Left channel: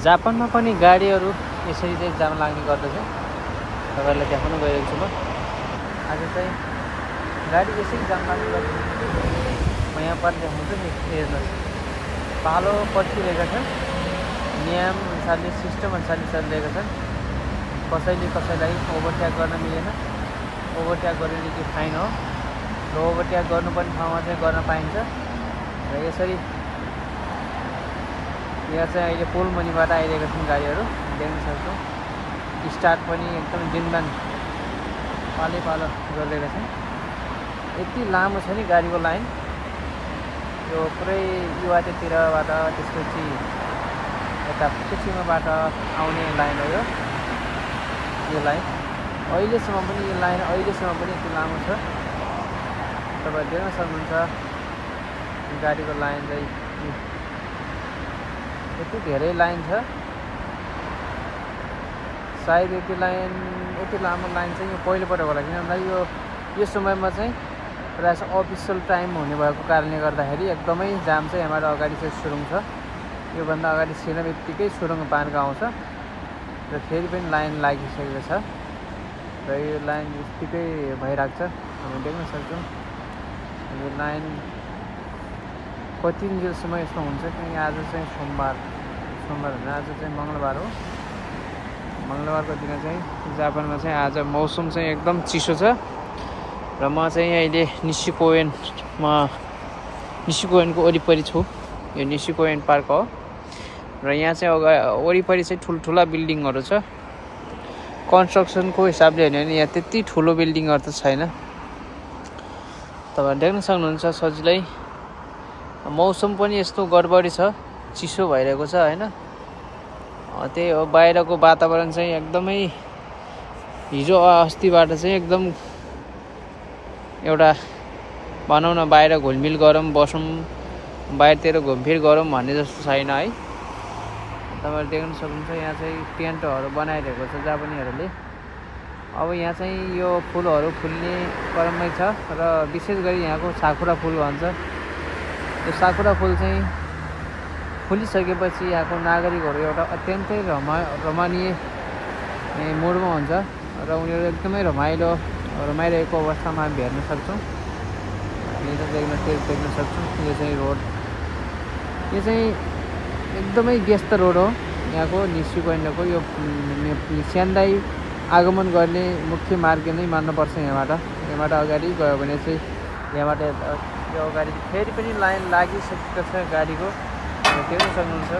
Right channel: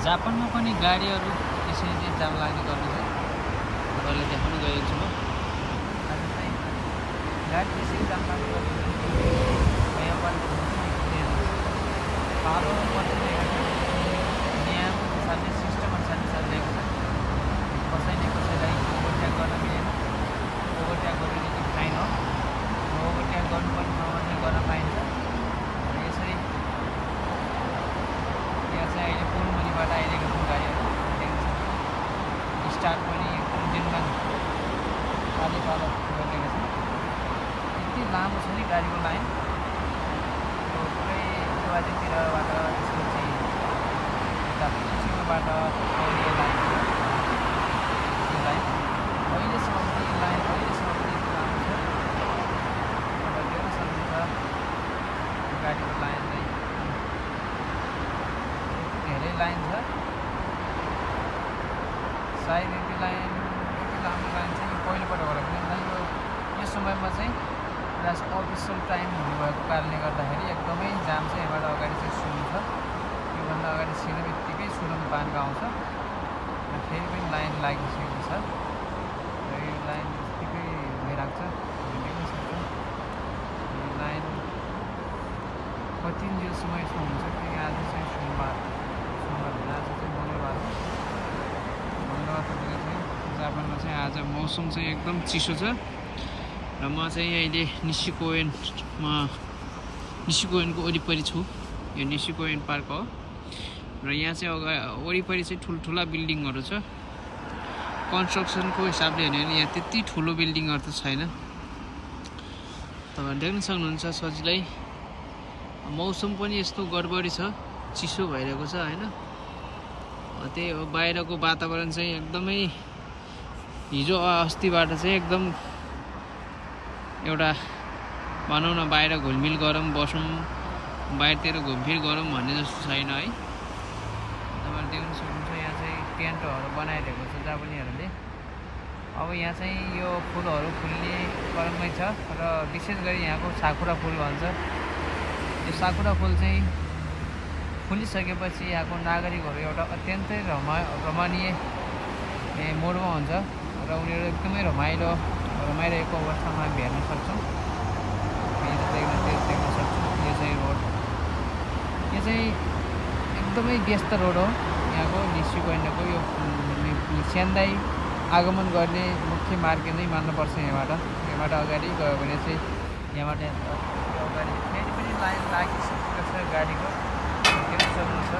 जापानमा पनि गाडीहरू यसरी चाहिँ जाम लाग्ने गर्दछ। तपाईँहरूलाई देखाउन गइरहेको छु म। आज चाहिँ गाडी यसरी जाम लाग्ने गर्दछ। यहाँ पनि देख्नुहुन्छ नि हेर्नुहोस्, पालो पर्खिरहेको छ। नियम अनुसारले सिस्टम अनुसारले चलिरहेको छ। कसैलाई ओभरट्याक गर्न मिलेन। ओभरट्याक गर्नु चाहिँ फाइन हो। ओभरट्याक गर्नुपर्ने ठाउँमा चाहिँ गर्न पाइन्छ। र यसरी यहाँ चाहिँ अहिले पुल मुनिबाट आइरहेका छन् गाडीहरू देख्न सक्छौँ। स्टार्ट पनि एकदम दिनमान अनेक गरिरहेको छ। यति लामो छ नि गाडीको लाइन। यो पुरै युवाटेतिरबाट त्यसपछि यता सुसिङबाट आउने लाइन हो। यो लाइन अहिलेसम्म पनि यति लामो छ। तपाईँ देख्न सक्नुहुन्छ गाडीको लाइन चाहिँ यति धेरै लाइन छ। सायद यति लामो लाइन चाहिँ पहिलोपटक होला, किनभने यो समयमा चाहिँ प्रायः अफिसियल टाइम हुनुभएको कारणले गर्दाखेरि एकदमै जाम छ। यहाँबाट अगाडि चाहिँ सुरुङ छ। योभन्दा अगाडि छिर्न बित्तिकै सुरुङ पानको आउँछ र फेरि पनि लाइन लागिसकेको छ र यो लाइन बित्तिकै भइरहेको छ। हामी देख्न सक्छौँ यो लाइन कति दिनसम्म यस्तो हुन्छ, किनकि आज चाहिँ सोमबार होइन, आज चाहिँ मङ्गलबार हो। मङ्गलबारको दिन चाहिँ जापानमा चाहिँ आज मौसम चाहिँ एकदम चिसो छ। र म चाहिँ अहिले निसिकोयनको वरिपरि छु। यो निसिकोयन पार्क हो र यहाँ चाहिँ वरिपरि चाहिँ ठुल्ठुला बिल्डिङहरू छ। कन्स्ट्रक्सनको हिसाबले हेर्यो भने यहाँ त्यति ठुलो बिल्डिङहरू त छैन। तपाईँ देख्न सक्नुहुन्छ सजिलै। मौसम पनि यस्तो गडबडी छ, चिसो भइरहेको छ होइन। त्यही हो, बाहिरको वातावरण चाहिँ एकदमै हिजो अस्तिबाट चाहिँ एकदम एउटा भनौँ न बाहिर घुलमिल गरौँ बसौँ, बाहिरतिर घुमफिर गरौँ भन्ने जस्तो छैन है। तपाईँहरू देख्न सक्नुहुन्छ यहाँ चाहिँ टेन्टहरू बनाइरहेको छ जापानीहरूले। अब यहाँ चाहिँ यो फुलहरू फुल्ने क्रममै छ र विशेष गरी यहाँको साकुरा फुल भन्छ। यो साकुरा फुल चाहिँ फुलिसकेपछि यहाँको नागरिकहरू एउटा अत्यन्तै रमणीय मुडमा हुन्छ र उनीहरू एकदमै रमाइरहेको अवस्थामा हामी हेर्न सक्छौँ। देख्न सक्छौँ यो चाहिँ रोड, यो चाहिँ एकदमै व्यस्त रोड हो यहाँको निसिकोयनको। यो स्यान्दाई आगमन गर्ने मुख्य मार्ग नै मान्नुपर्छ। यहाँबाट अगाडि गयो भने चाहिँ यहाँबाट यो अगाडि फेरि पनि लाइन लागिसकेको छ गाडीको। देख्न सक्नुहुन्छ